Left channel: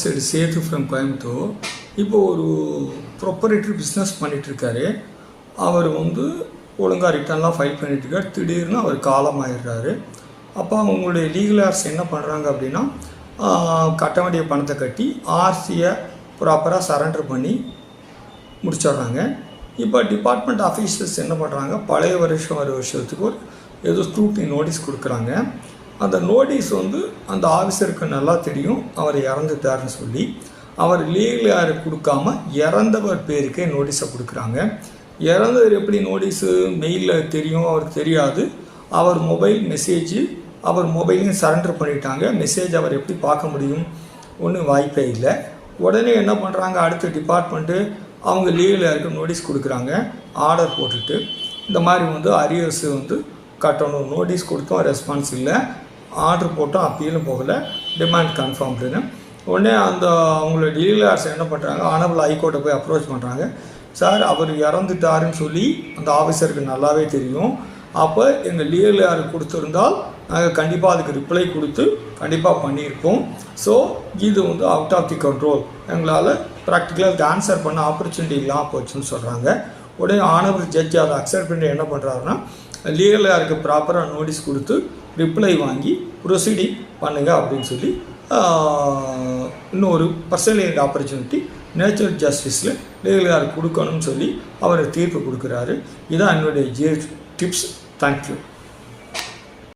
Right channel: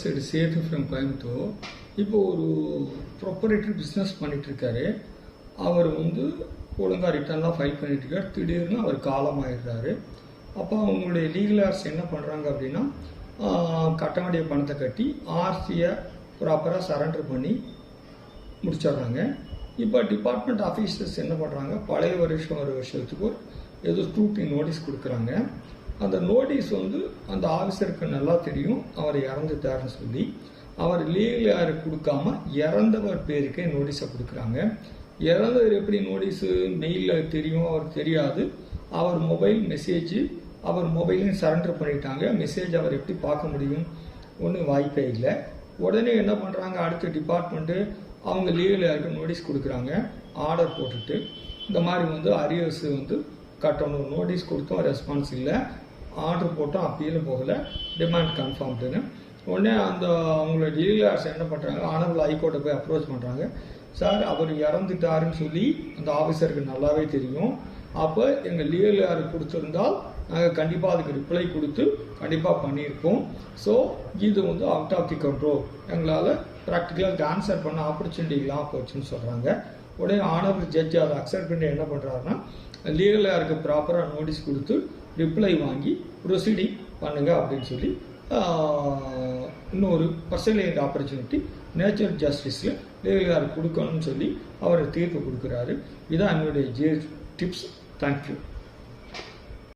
Side Setu from Coimbatore. இப்போ ஒரு proprietary business பண்ணிகிட்ருக்காரு. அவர் ஒழுங்காக ரிட்டர்ன்லாம் ஃபைல் பண்ணிகிட்ருக்கார். திடீர்னு அவர் காலமாயிடுறாரு. அப்போ அவங்களுடைய லீகல் ஆர்ஸ் என்ன பண்ணுறாங்க அப்படின்னா, கட்ட வேண்டிய பணத்தை கட்டி ஆர்சியை ப்ராப்பராக சரண்டர் பண்ணி முடிச்சிடுறாங்க. இப்போ டிபார்ட்மெண்ட் ஆஃபீஸர்ஸ் என்ன பண்ணுறாங்க, பழைய வருஷத்துக்கு ஒரு ஏதோ ஸ்க்ரூட்டினி நோட்டீஸ் கொடுக்குறாங்க. அந்த நோட்டீஸ் அந்த ஆஃபீஸருக்கு நல்லா தெரியும் அவர் இறந்துட்டாருன்னு சொல்லி, அவர் லீகல் யாருக்கு கொடுக்காம இறந்தவர் பேருக்கே நோட்டீஸை கொடுக்குறாங்க. இறந்தவர் எப்படி நோட்டீஸு மெயிலில் தெரியும், அவருக்கு தெரியாது. அவர் மொபைல் மெசேஜ் அவர் மொபைலையும் சரண்டர் பண்ணிட்டாங்க. மெசேஜ் அவர் எப்படி பார்க்க முடியும், ஒன்றும் வாய்ப்பே இல்லை. உடனே என்ன பண்ணுறாங்க, அடுத்த டிபார்ட்மெண்ட்டு அவங்க லீகல் யாருக்கு நோட்டீஸ் கொடுக்குறாங்க. ஆர்டர் போட்டுட்டு இந்த மாதிரி அரியர்ஸ் கட்டணும், நோட்டீஸ் கொடுத்தோம் ரெஸ்பான்ஸ் இல்லை, ஆர்டர் போட்டோம் அப்பீலும் போகலை, டிமாண்ட் கன்ஃபார்ம்டுன்னு. உடனே அவங்களோட லீகல் ஆர்ஸ் என்ன பண்ணுறாங்க, ஆனரபிள் ஹைகோர்ட்டை போய் அப்ரோச் பண்ணுறாங்க. சார் அவர் இறந்துட்டாருன்னு சொல்லி அந்த ஆஃபீஸருக்கு நல்லாவே தெரியும். அப்போ எங்கள் லீகல் யாருக்கு கொடுத்துருந்தால் நாங்கள் கண்டிப்பாக அதுக்கு ரிப்ளை கொடுத்து கண்டிப்பாக பண்ணியிருப்போம். ஸோ இது அவுட் ஆஃப் தி கண்ட்ரோல், எங்களால் ப்ராக்டிக்கலாக அதுக்கு ஆன்சர் பண்ண ஆப்பர்ச்சுனிட்டி இல்லாமல் போச்சுன்னு சொல்கிறாங்க. உடனே ஆனரபிள் ஜட்ஜி அதை அக்செப்ட் பண்ணி என்ன பண்ணுறாருன்னா, லீகல் யாருக்கு ப்ராப்பராக நோட்டீஸ் கொடுத்து ரிப்ளை வாங்கி ப்ரொசீடிங் பண்ணுங்கள் அப்படின்னு சொல்லி இன்னொரு பர்சனல் ஆப்பர்ச்சுனிட்டி நேச்சுரல் ஜஸ்டிஸில் லீகல் யாருக்கு கொடுக்கணும்னு சொல்லி அவர் தீர்ப்பு கொடுக்குறாரு. இதுதான் என்னுடைய டிப்ஸ். தேங்க்யூ.